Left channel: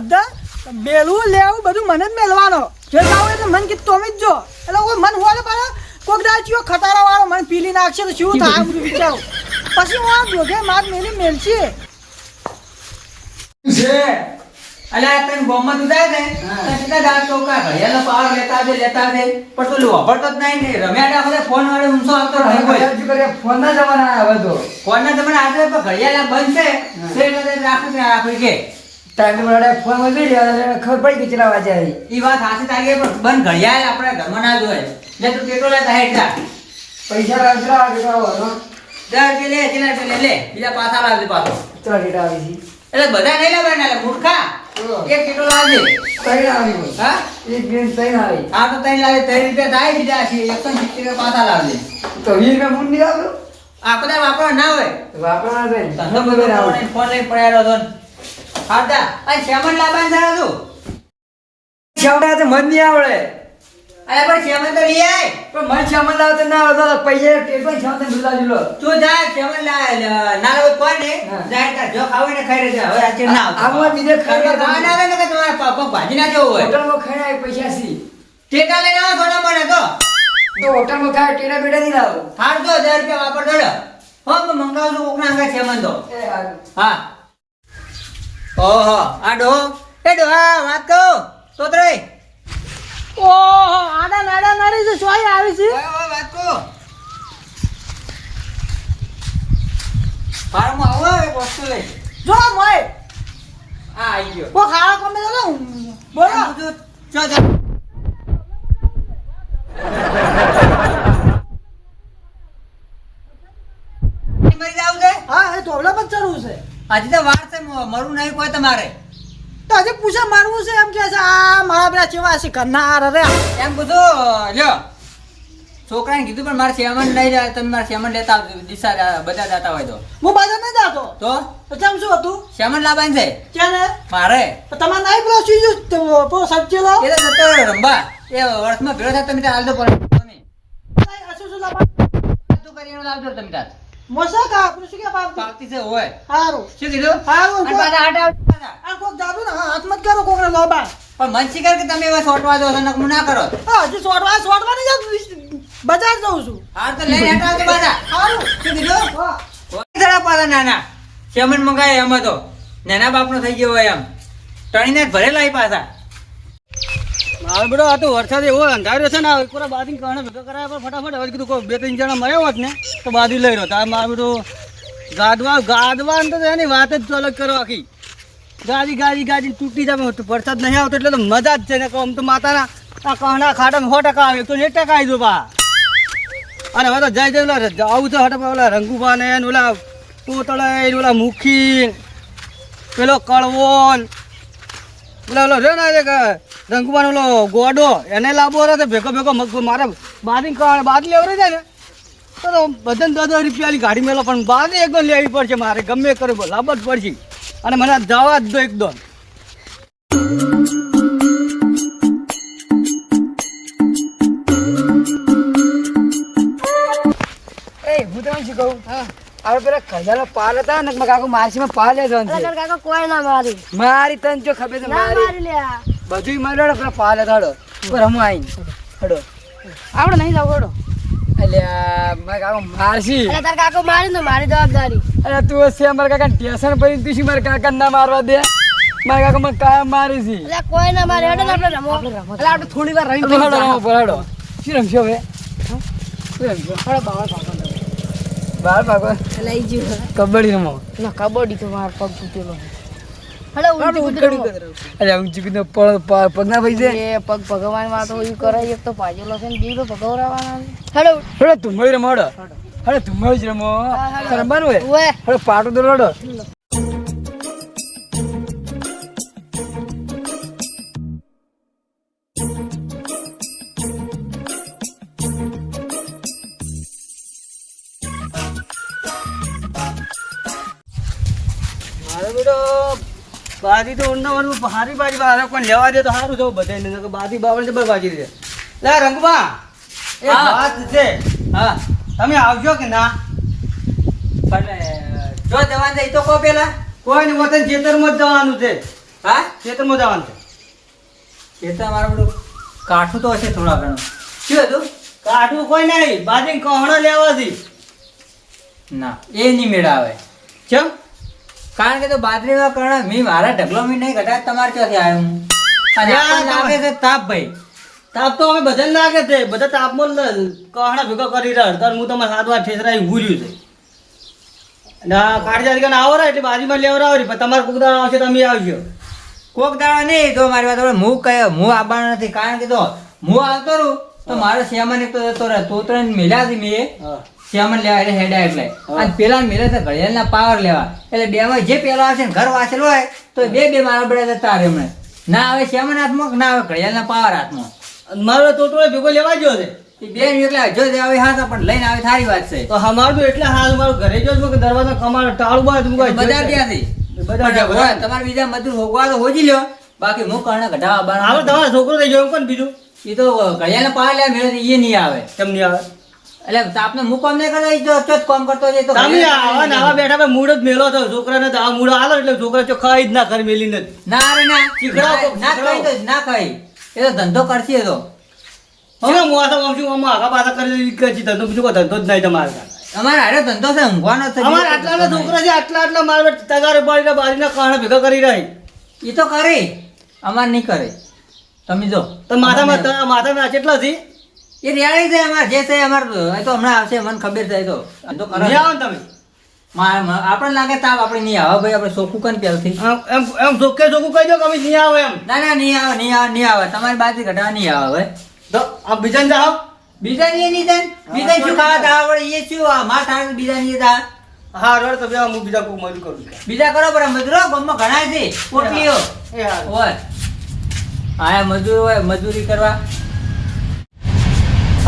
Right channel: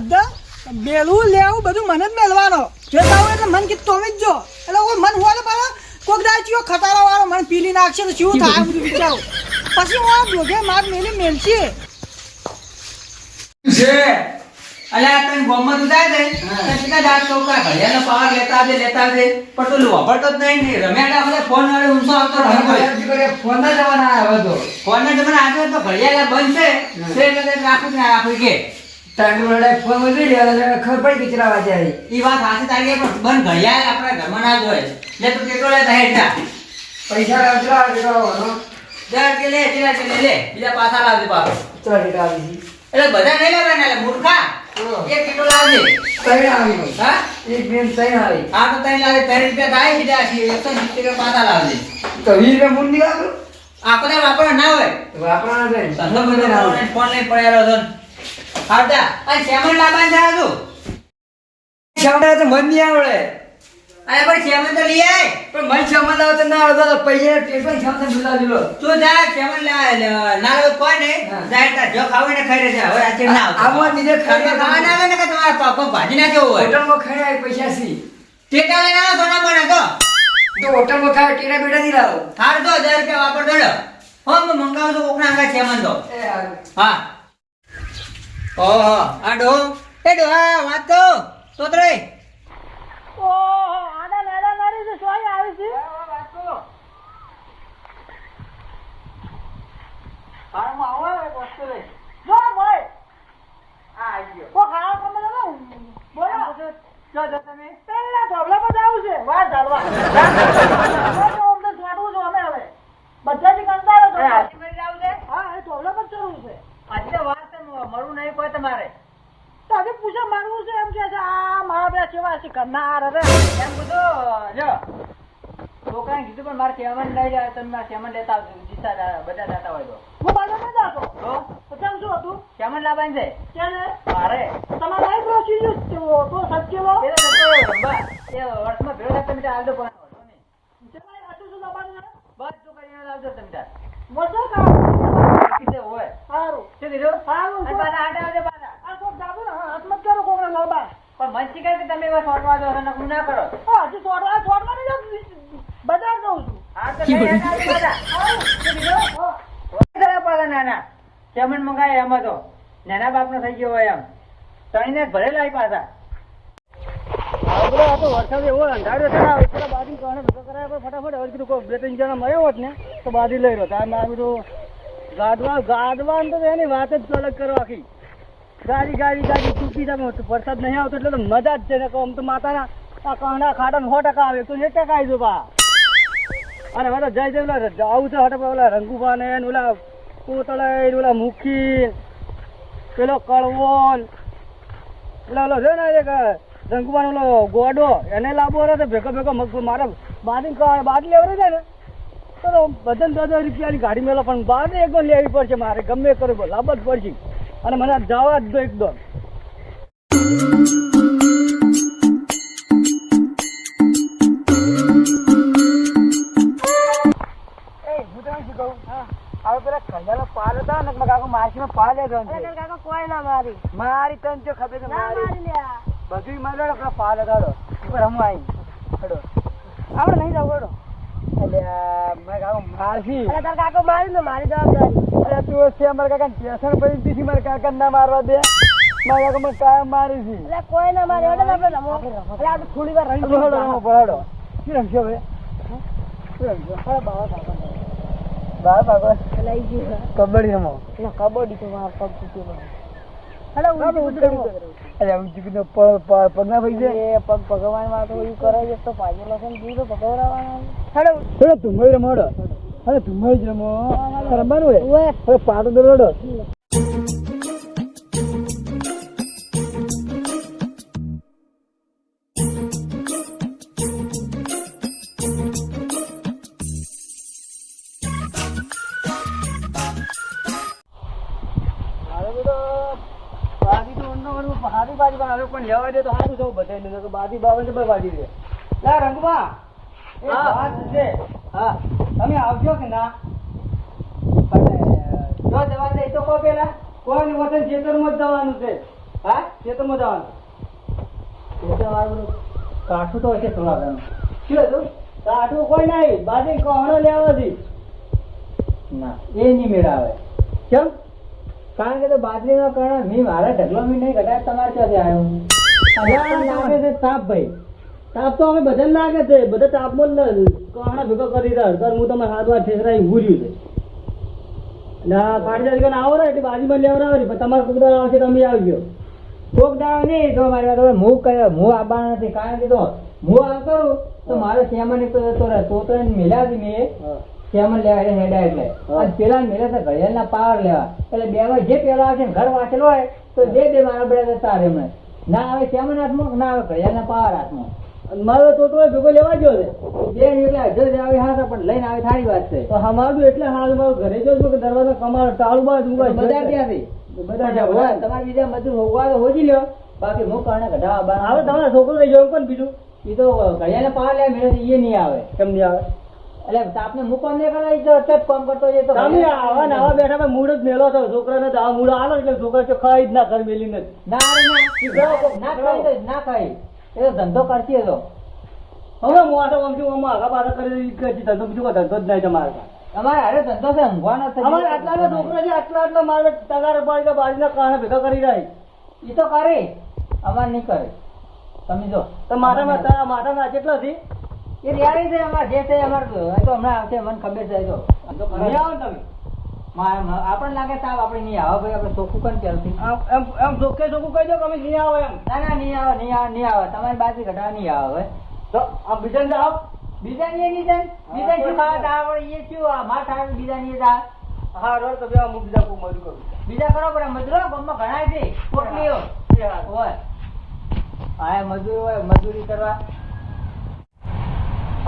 બધા મેળવું લેવું બધું મને જ મેળવાનો. જોતા હોય એટલે મન કીધું તમે જ જો. એટલે કોઈ મન હોય પાડો કોઈક દાચીઓ ખટારા વાળો મને પીલી નાખશે તો શું થાય? બધું. વિચારું. પછી હું જોગે માર મેલી મેલતી છે? અલ્યા તને બોમ્બમાં તું જાય ને તો દાળ ચોકા ઘડિયાળનો પાવર લેતા લેતા આવજે. પણ તું લોભડતો જ નહીં ને. રમ્યા દાખલે ફોન વાળો આવતો ફોન ના જમાના આવે તો. ફોનના જમાને આજે તો ઘડિયાળ બંધ છે. તે રાખું ને કે? ટાઈમ વડે ફોનમાં જોઈ રહ્યા ખબર પડી કે એ વાત હાથે તારી પણ બંધ ઘડિયાળ આપણે ઘરમાં ના જોઈએ લે તું કેટલો જા પૈસા લાવ કેટલા દર કે લે કે બીજા પાછા લાવજે પાછો. ચલા કેટલા આવી એટલે બધા નહીં એટલે મૂર્ખા. એક કિલો લાવજે? છે આવી હા? એક બેન ત્રણ આવી. આ તો ત્રણ લાવે ત્રણ રૂપિયા થાય સીધા છે એકસો સિત્તેર રૂપિયા પાછા લાવજે. તો વીસ રૂપિયા આપો? આપણે વાપરવા ના હોય. ધંધો બધો કરવાનો, ફોન લઈને પડ્યા ને. આવતા અને શેમન લાવવાનું થાય તું. શામડા તો મન નહીં આવડે. અરે પણ શેમન તો લઈ આય. પણ મન શામડા આવતો ના આવડતો તો પૈસા દુલા દીલો તું જા શેમન ના લાવે કોઈ જાય જો ખાવું ને ખાઈ રહેજે હવે આજે ના બીજે ખાવા આવે ને કે તમારા ભાજી ના હોય? હોટલમાં ખાઈ પૈસા સી ટેટા લઈને આવો મને તો તો હોટલમાં ખાય ટેરા બેટા નહીં લાવો. હાર તો હજાર રૂપિયા વાપર દોડો. હો મંગાવું છું કોકના શેમન તો. હા. ઓહો. આ ડો એ ડો હા વાત કહો. તોતરે ઓહો આડા નાડા નાડી છે સોય આવી છે? વાત કહો. ફાર્મમાં આવો એક વસ્તુ લઈ જો મોય. આ આવી ગયો. કો ખાવા કોમે તો બોલો. બધું ચો ચો પેલા ધોબલા પર જાવું છે. વાર ચાલવા. હવે. બધાથી કંટાળો મરી જાવ છે હા એ ધોબલા પર ચડવું છે. આજે તો વાર છે મરું નહીં કોઈ તમારે? તો હજી પૂછે મારવું છે એમ કે છે આ મારા પેલા ચેવા છે કરનાર અરે. એમ બધું લ્યો. છોકરાને કીધું પણ મારે સેમન નહીં જાય તમે મારે સેમન લેતા આવજો દિશા બધા જતા હોય તો. હું બધા નહીં જાતો? તો? પછી શું હતું સેમન લાવવાનું છે? કે ને મારે. તમારે નહીં પેલો ચીજ પેલો સબ્જી લો એ જતો રંબા. એ વર્ષમાં ભેળો થાય તમે ત્યાં હાલતો પણ તમે શું શું લાવવાનું બધું કરીને લાવજો તમે ત્યાં. મોસા કા પૂછી કે બાપ બાકી છે હોય? હારું. શું કીધું? હારું અને પાછા હાટે આવજો પાછા. આ કોક જાદુ ને હાથ મત કરો કોકને લોબા. પણ મન શિકાર કે તમે એવા સોટવા દો છો નકમું ના કરો? હા હજી સોટવા સોટવા નહીં જાતું બજાર જઉં છું. હા તો લઈ હેઠા આવજો પાછા. હારું. શું કીધું? હા. થોડા પાછા નાના. શેમન મંગાય એમ તો નાના બાપનો થઈ ગયો હોય એમ. ટણીને ભરેલા પાછા. બેટો આ તો વરસાદ એવો અંધાર્યો છે ને ઉપર બાદી કારણે ભેગા ફટાફટ હવે કીધું કોઈ બે ત્રણ જણા મળ્યો હોત ને, તો બાદી લઈ રહ્યો તાર મારું બધું ગાદવા ગાદવા તો એની વાત જ અલગ કરો ગાડી ગાડી ગાડી તૂટી જાય વરસાદ નહીં આવતો એટલે તો મજા જ છે ને, આમ તો માતાના આ કાંડા ખાડા સો આવે તો એક ટકા આવી દો બા. અને હવે તો જય આવું છે હટ ઓલા રંગુભા ને ઓલા પોતળાઈ ઓલા મુખી પેલો કળવોન ઓલા ઓલો રે ને રંગુબાન ઓલો ગોડો એને લાવવો રહે ભેગો ભેગો મારે બારી બાદ લેવરે જાય ને. તો બધાને દસ દસ રૂપિયાની ગાડી મેલો પણ બાદી એકદમ લેવી પડશે મારે. ગમે કરે લાવવા જ પડશે. અને મને જવા જ દો એકદમ એ હું તમને શું કહું? આપણે પેલા ખજાનો પાલ હતા ને મારા કાકુ માસીમાં પાલ લેજો અરે કોઈ ના મારી. મારી તને જો ખબર છે મારી મારી લે આ. બધું મારે હડો પેલા પાલે હડો. પર હું આઈ હડો. આપણે નહીં જાવ હડો. કબડ્ડી રમો. કબડ્ડી તો માર પગ તૂટેલો હડો ઊંચી કૂદી રમો અરે ઊંચી કીધું પગ પગ ભાઈ છે? એ પગ ભગવાનમાં તો એવું એક તો પાજેલો છે. ને બીજો ભગવરાવાના રમો જ રમો. રમવાનું પાટો હડો મારો બેટો. બાજી તો ઊંડાવાનું હારી બાજી બહાર કોઈ લેવા દે તો સારું થયું બધાને બાજી બાવળ જબર બાજી દે લા રંગબા એ. વાત છે. હા. તમે આવજો કે ના? અને જો જવા દે તો કો પેલા. કોઈ ને વતન ખેતરમાં જ જવાનું છે. હા? ખેતરમાં જવાનું છે. તો મારું બધું કાઠું તો હશે થોડા ઘણું. શું હતું? કાઠું કોઈ નહીં બાજી કહણા લેવાથી. ના એ નહીં મેળા આવે કેમ? કારણ કે તો બાજરીમાં કર્ણ મેં મારા ઢગલો મી નહીં ઘટાડ તમારે ક્યાંથી આવ્યું અને ના. લાગે છે તાપ ભાઈ. તાપ તો હવે બધા લાગે છે બધા તાપમાં કહણા ભેગો કરી રહ્યા હતા હું તમારે સાત વાર ઠેસરાઈ ઉભું રહ્યું છે. અને આ કાઢી જાય આવો ને એટલે બાજુમાં લેવડાવો ને પણ તમારે કોક દાડો આવશે તમે આવજો. કોક દાડો નહીં તો મારી વાત હું કયો હું આવવાનો નથી કારણ કે તો હું આવતો રહું તો મારો શ્યામન તો જતો રહે તો ત્રણ મેળ્યા મેલ્યા હતી મેં. હા. શ્યામન લેવા એટલે હેડા એટલે. અને પેલા મેલે તો ઘડિયાળના પાવર લેવા. એટલે બે માં જે પેલો આવશે ને ઘર વાંચેલો હોય તો બે બે મારા બળે તારે એમણે. ના આવે શ્યામન હાથમાં ના આવે ઘડિયાળના પાવર હાથમાં. મારો ટોટો ભેગો લેવા ગયો છે. બે એટલે જો આવે હા તો પણ લઈને આવે સારી વાત છે. તો અમારું એટલે હાલ મારું ઘરે જો કે દરવાજો કમાડો ટાળું તો બધા ત્યાંથી તમારે બીજા મજૂર હોગવા તો હોજી લ્યો. બાકી હું કર્ણ ઘટા આવે આવવાનો તમારો છોકરો થઈ ગયો કોણ બીજું? એ તો ઘડિયાળના પાવર લેવા મેળે એ નહીં આવે. કેમ નહીં આવે? એટલે આપને હું કામ નહીં કરતો? એ જો ચોથ કામ કરતો છે તો તમે આવા ને બેઠા ભાઈ મૂડ જ મેલો છો. છોકરાને તો આ મૂડ આલો એટલે છોકરા ચો ખાઈ જ ના કરી મેલી નથી ના રે ના. ના ખાઈ તો ના ખાઈ એ તો ધંધો કરશે એ તો. હવે હું આ આમ છું, આમ આગા પાછા કરી કરી ધંધો બીજું કોઈ ધંધો જ નહીં તમારે અમારે હારે ધંધો છે ઊંઘવાનો છે. અમારે આટલા છોકરા છે આટલા આટલા મારે તગાર પાડીને બારીના કારણે ભેગા કરી રહી એ તો કરે. અમારે નહીં કરે. તમે જો. તો માથામાં માથામાં કેટલા થી એ રેડી છે અમાર જે છે અમાર એ તો હમણાં આવશે મને ખબર છે તો. તો. આવો તમે. આપણને લાગે તાપ આપણે નહીં આવે ભાઈ આપણે ચોખ્ખું કન પહેલથી. એમ એમ ચોખ્ખે ચોખ્ખું કહી દો કે અમે નહીં આવે એમ. ના ના નહીં આવે નહીં આવે નહીં આવે. તમારી બાજુ ઘટા નહીં આવે તો આ બીજાને જાઓ. બીજા નહીં નહીં જાય બીજા શું ખાવા તા આવડે એ શું? આ માર થાય બીજા નહીં તા હા રડ તો બે હું બીજા કોઈ મજૂર કરું. બીજા કરો પણ મજૂરો ગમમાં ઘણા છે પોટલીઓ. એ હોય. આયા મજૂર હોય મજૂરી કરવા.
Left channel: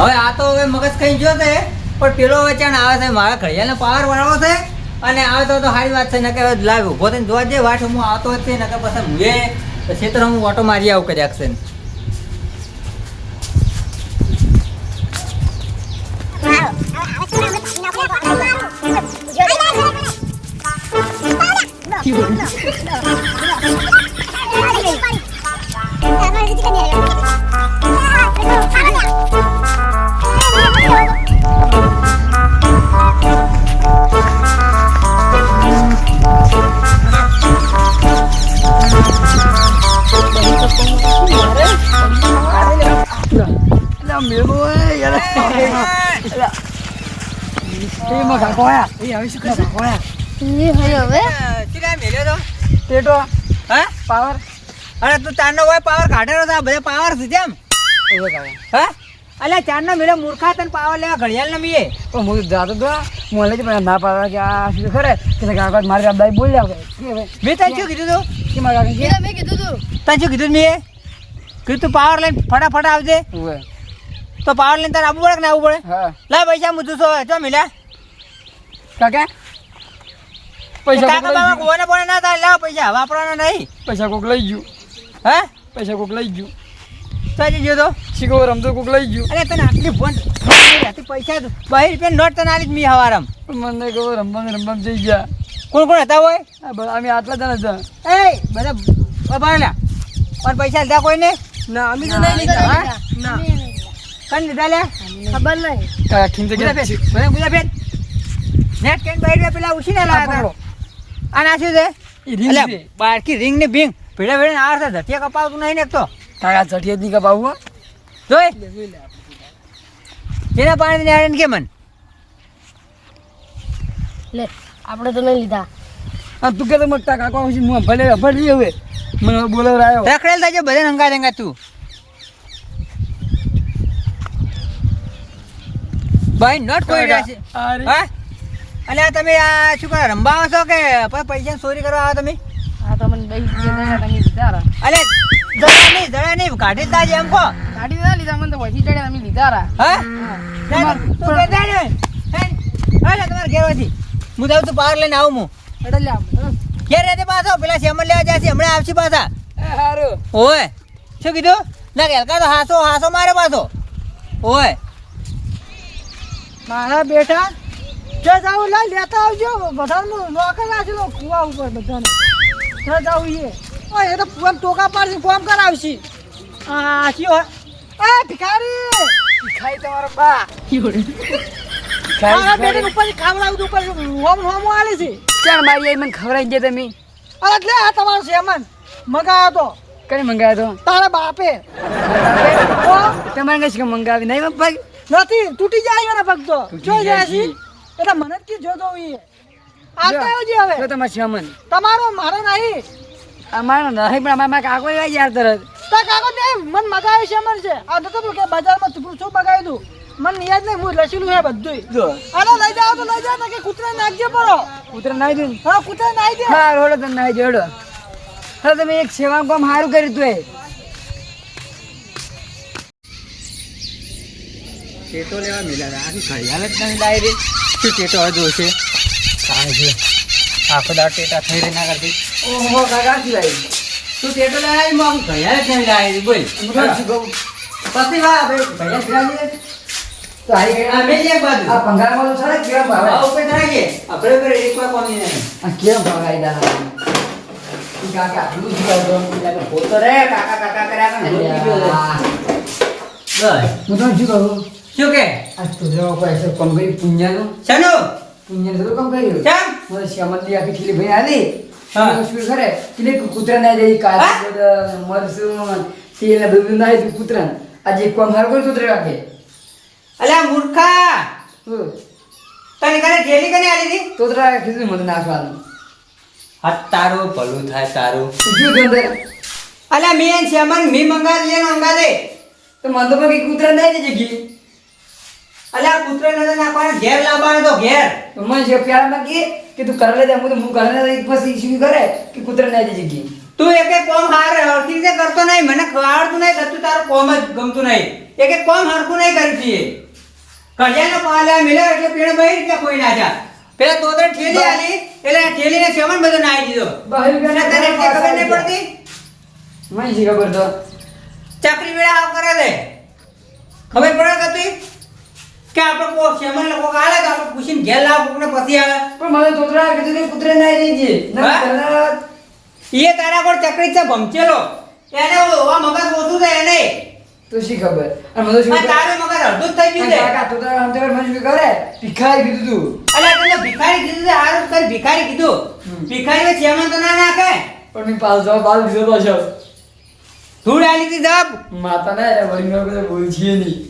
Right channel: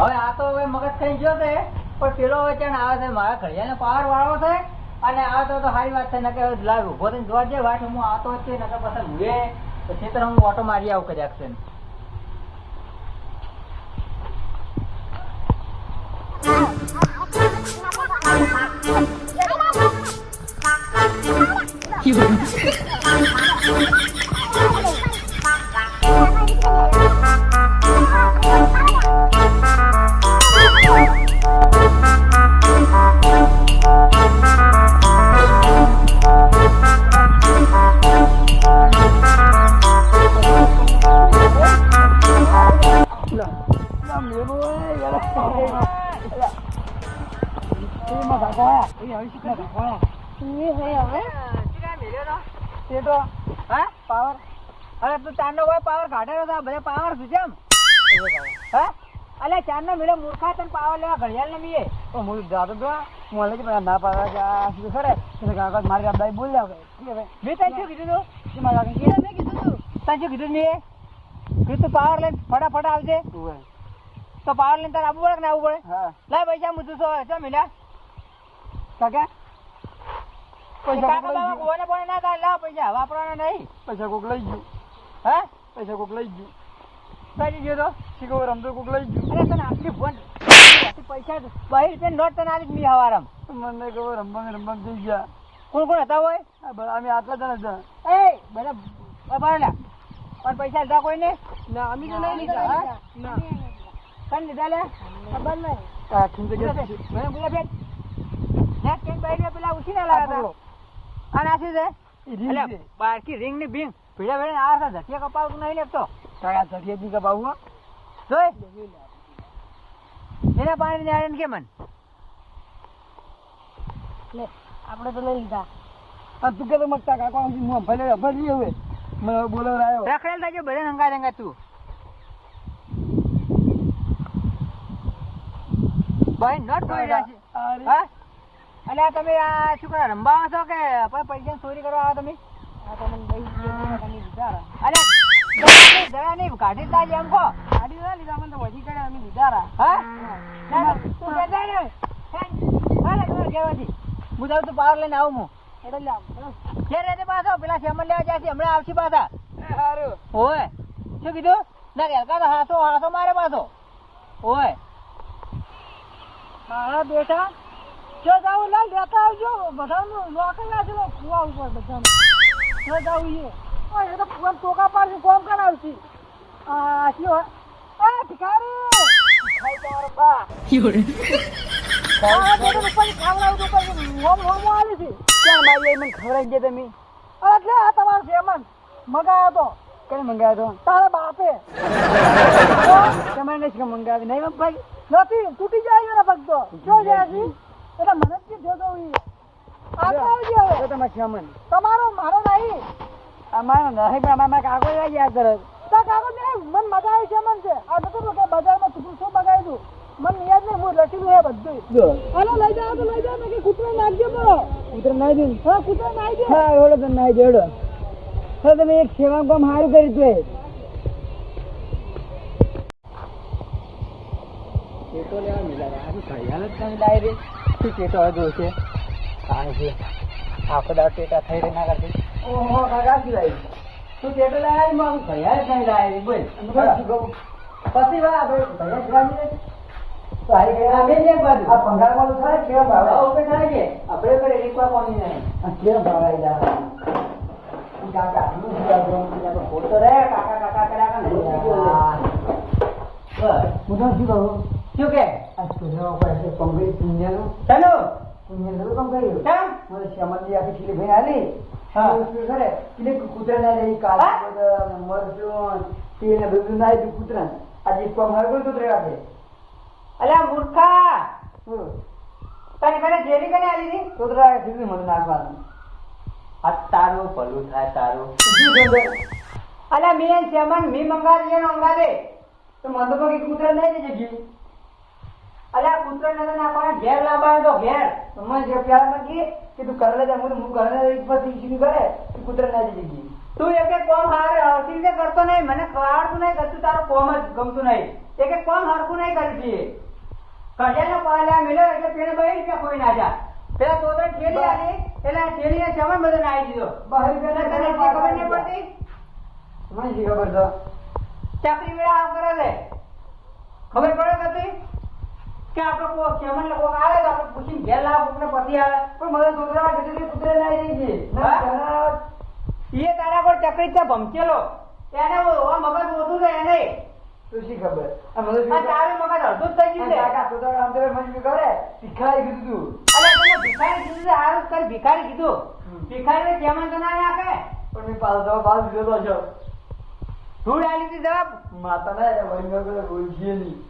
હવે આ તો હવે મગજ ખાઈ જો છે, પણ પેલો વેચાણ આવે છે, મારા ઘડિયાળનો પાવર વાળો છે, અને આવે તો સારી વાત છે ને કે લાવ ઊભો થઈને જોવા જઈએ, વાટ હું આવતો જ છે ને કે પછી હું ક્ષેત્ર હું ઓટો મારી આવું કદાચ Thank એટલે આયા એ હવે શું કાકો આયા એ હવે ટેટો હા? પાવર. અરે તું ચાંદનો હોય પાવર કાઢેલો છે આ બધા પાવર છે જેમ. હા? અલ્યા ચાંદનો મેળો મૂર્ખા તને પાવર લેવા ઘડિયાળ ન મીએ. પણ હું જાતો તો મોલે કે ના પાવર કે આ શું ખરે? કે કાકા મારી દાદાઈ બોલ્યા કે હવે? મેં તને શું કીધું તું? કે મારા કાકા મેં કીધું તું. તને શું કીધું મેં કીધું તું પાવર લઈને ફટાફટ આવજે. તો પાવર લઈને તારે આવવું પડે કે ના આવવું પડે? હા. લાય પૈસા મું છો ચો મિલ્યા? કાકા પૈસા કાકા બાબા કોને પણ ના થાય લાવ પૈસા વાપરવાના નહીં. પૈસા કોક લઈ ગયું. હે? પૈસા કોક લઈ ગયું. સાજી ગયો તો? શીખો રમતો કોક લઈ ગયું. અરે તને આટલી ફોન પૈસા બહાર રૂપિયા નોટ તને આલી જ મી હવારમ. મને ખબર રમવા રમવા જઈ ગયા. કોણ કોણ હતા હોય? અમે આટલા જણા હતા. એ બધા બાબા પણ પૈસા લીધા કોઈ ને અમે તો નહીં લીધા, હા? ના કન લીધા લે ખબર નહીં. કાકા ખીંચે ગુલા ગયા બધા ગુલા ફેર નેટ કેન બહાર પેલા ઉછી ના લાયા. આ નાખ્યું છે? એ રીંગ બારકી રિંગ ને ભીંગ. ભીડા ભીડા આવે છે ધતિયા કપાવતું નહીં ને એક તો. ચટિયાતની કપાવું જોઈ. જેના પાણી ને આને કે મન? લે આપણે તો નહીં લીધા. આ તું કે તો મગતા કાકા હું હું ભલે ભલે હવે. મને બોલાવરાયો રખડેલ થાય છે બધે હંગા હંગા તું. ભાઈ નોટ કોઈ રહ્યા છે. અરે અલ્યા તમે આ શું કરો રંબાવો છો કે પછી પૈસા ચોરી કરવા આવો તમે? આ તમને બે અલ્યા નહીં કાઢી જ એમ કહો. ના લીધા મને તો ચડ્યા તમે લીધા રા હા? તું કહેતા ને હે? તમારે ઘેરવાથી હું જાઉં તું પાવર લઈને આવું હું. એટલે લે ઘેર રહેતે પાછો. પેલા સેમન લેવા જાય છે હમણાં આવશે પાછા. ઓય. શું કીધું? ના હલકા તો હાસો હાસો મારે પાછો. ઓય. મારા બેટા જો જાવ લઈ લેતા આવજો. બધાનું નોકર રાખેલો કુવા ઉપર બધાને. જો જાવ એ ઓય એ તો ફોન ટોકા પાડશે કોમ કરાવશે. આ કયો? એ ભિખારી! ખાઈ તમારો બા. આ બેટી ઉપર ખાવડાવું તો ઉપર હોમ હોમ આલી છે? ચાલ મારી મને ખવડાવી દે તમે. અરે એટલે આ તમારો સેમન. મગાયો તો. કઈ મંગાવ્યો તારા બાપે. તો તમારે કઈ મંગાવી? નહીં ભાઈ નથી તૂટી જાય તો. જાય છે. જાય એટલે મને જ કે જોતો ઈ. હવે? તો તમારે શમન. તમારો મારો નહીં. અમારો નહીં પણ અમારા કાકો એવા યાર તરત. તા કાકો ને મન મજા આવી શમન છે. આ તો કે બજારમાં તું શું મગાવ્યું દઉં મને યાદ નહીં હું લસેલું હે બધું જો. આનો લઈ જાવ તો લઈ જાવ તો કે કૂતરા નાખજે પડો. કૂતરા નાઈ દે હા કૂતરા નાખી દે. હા રોડો તમે નાઈ જોડો હા તમે એક સેવા કામ સારું કર્યું તું એ. ટેટો લેવા મિલા આખી ખાઈ હાલત નહીં લાવી રે શું ટેટો જોશે કાંઈ છે. આખો દાડ ટેટા થઈ રહી ના કરતી ઓહો કાકા શું આવી તું ટેટો લાવી માં આખી ઘડિયાળ જ નહીં લાવી બોલ. પછી વાહ ભૈયા તો ગયા એક બાજુ. આ તો છે કેવા ભાવ. આ ઉપર ચડાવીએ. આપણે ઉપર એક વાર કોની નહીં. આ કેવા ભાવ દા કાકા આટલું જ ગાતો પોતો રે કાકા કાકા કર્યા કરે. હું તો શું કહું. શું કે? આ તુજરો પૈસો કમ કરી પુણ્યનું. શનુ? પુણ્યનું થોડું કમ કર્યું? ચમ મને શ્યામલી આખી ખીલી ભાઈ આલી શું કરે? એટલે કૂતરા ના જાય કાજુ મરસું તેલ બધું ના આવ્યું કૂતરા આજે કામ હારું કર્યું કૂતરા રાખે અલ્યા મૂર્ખા! તને કને ઠેલી કને આલી હતી? કૂતરા રાખે કીધું મને નાખવાનું. આ તારું ભલું થાય તારું. શું ગંદર અલ્યા મેં શ્યામન મી મંગા દે મંગા દે તો મને તો બાકી કૂતરા ના જાય જગી અલ્યા કૂતરો નજર નાખવાના ઘેર લાવવાનો તો ઘેર. તો મને છે પ્યારમાં કે કે તું કરે લે હું તો હું કરે ને પછી શું કરે કે કૂતરો ના જઈ જગી તું એક એક કોમ હાર હરખી રીતે કરતો નહીં મને આવડતું નહીં ગતું તું તારું કોમ જ ગમતું નહીં. એક એક કોમ હરખું નહીં કરી એ કડિયાનો પાલા મિલે એટલે પેણે બહી રીતે કોઈ ના જા પેલા તોતરે ઠેલી આલી એટલે ઠેલીને સેવન બધો નાઈ દીધો. બહાર તને ખબર નહીં પડતી? મને ખબર તો? ચાકરી વેળા આવ કરે દે ખબર પડે કે તું? કે આપણે કો સેવન લોકો આલે કે આપણે પૂછીને ઘેર લાવ કોકને પછી આવે. પણ મને તોતરા કીધું કે કુતરે ના છે ના એ તારા કોણ ચકરી છે ભમચેલો. એને ઓવા મગજ ઓછું છે એને. તો શી ખબર? અને મને શું તારે મગજ અડધું જ થઈ ગયું છે. કાકા તો તારા આમ મને શું કરે ભિખારી કીધું તું. અરે તને ભિખારી કીધું છે હારું કરી ભિખારી કીધું. ભિખારી ચેમન તો ના નાખે. પણ મેં પાલ જવા બાલ દીધો પાછો. ધૂળ આલી દીધા માતા ના રે વળી મેં બધા ભૂલ છીએ નહીં.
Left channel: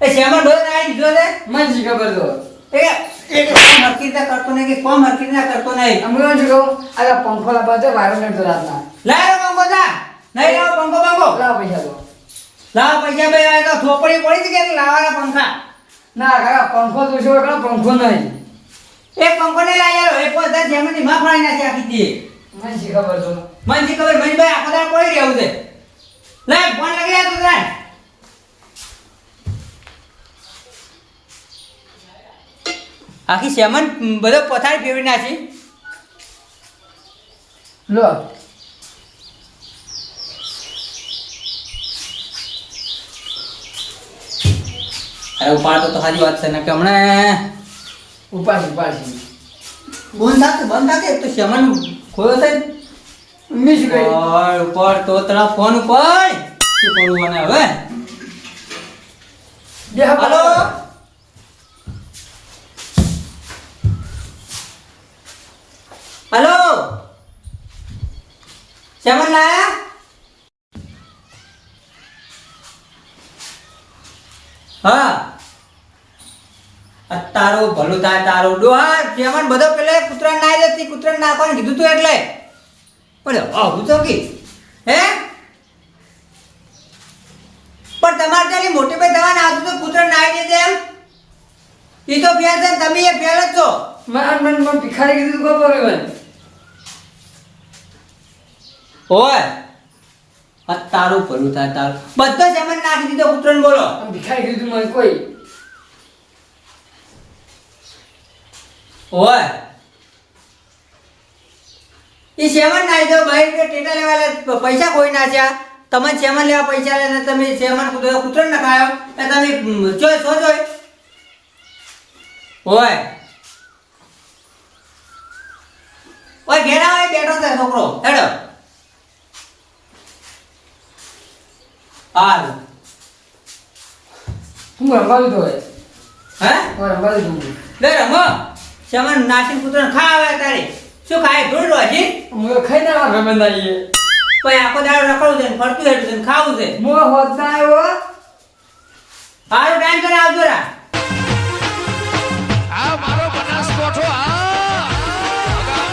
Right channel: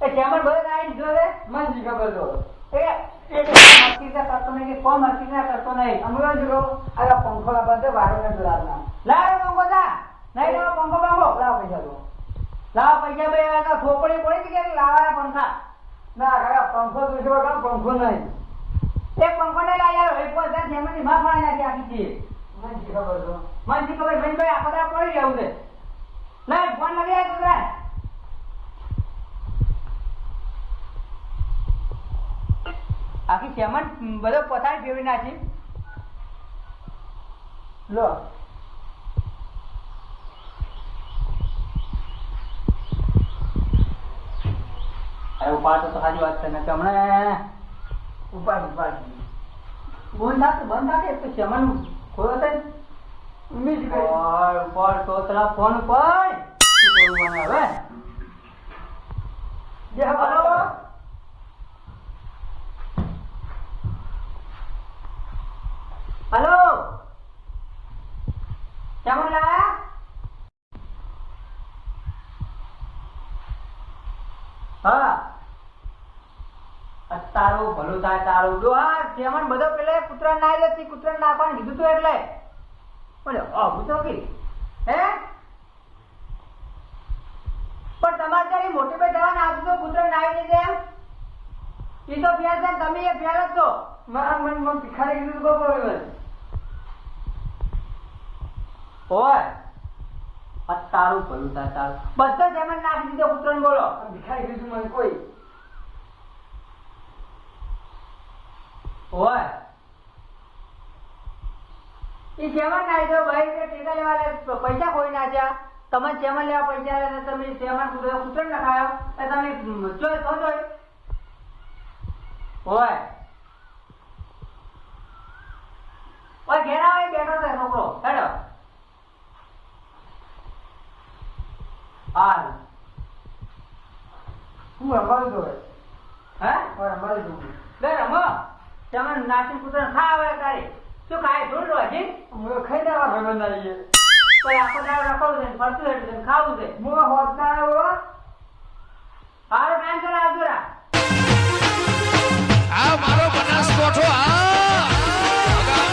એ ચેમન બધો નાઈ દીધો છે મને શી ખબર તો? એ એક કોમ કરતો નહીં કે કોમ રીતે કરતો નહીં. શું કહું આ પંખો લાવવા તો વારો નડતો રાતના. પંખો જા. નહીં લાવો પંખો પંખો. લાવ પૈસા તો. લાવ પૈસા ભાઈ તો થોપડી પડી કે લાવવાના પંખા. ના કાકા પંખો તો શું કરો પંખો નહીં. એક પંખો ને લાય યાર એક પોતા જેમની માં ફાડી નાખી આખી દી. મને શી ખબર તો? મન જી ખબર મન ભાઈ આખો દાડો પડી રહ્યો છે. લે ફોન લગાવ્યા આ તું તાર. આખી સેમન બધો પથારી ફેરવી નાખી. લો. અરે ઉપાડતો તો સારી વાત છે ને કે હમણાં ઉપાડી ઉપાડી. બંધ થાકે બંધ થાકે તો સેમન ખોયો છે. મિસ ગઈ. ઉપર તો તરા ફોન ઉપર. શું કરવું મને હવે? હલો. સેમન લાયા હા તારું ભલું થાય તારું ડોહા સેમન બધો પેલે કૂતરા નાઈ જતી કૂતરા નાખવાનું કીધું તું એટલે. પણ આવું તો કી? હે? પણ તમારે ત્યાંની મોટી ભાઈ દવા નાખતું તો કૂતરા નાઈ જશે એમ? એ તો ફેર છે તમે એ ફેર જ છો. મને મન મન ભિખારી કીધું તું ખબર મને. ઓય. આ તારું ભલું થાય તારું. બધો જમન નાખી દીધો કૂતરાને બોલો. ભિખારી કીધું મને કોઈ. ઓય. એ સેમન નાખી દો કે ટેટા લેવા પૈસા કોઈ નાખ્યા તમે સેમન લેવા પૈસા લે તમે સેમન કૂતરો કૂતરો નખાયો. એ તમે જોઈ છો જોઈ ઓય. ઓય ઘેરા હોય બેઠો છે છોકરો. હેડો. હાલ. હું રમવા દીધો હે હે? હું રમવા દીધો લે રમો. સમન નાસિન કૂતરો ખાવે તારે. શું ખાય? ભૂલ રોજી હું ખાઈ ના રમે ના ઈએ કોઈ આખો દાડો રખડું છે ને ફરતું હેડું છે ને ખાવું છે. હું હોત ના આવ્યો હારો ટાઈમ કરે આવજો રા આ મારો બનાસ કોઠો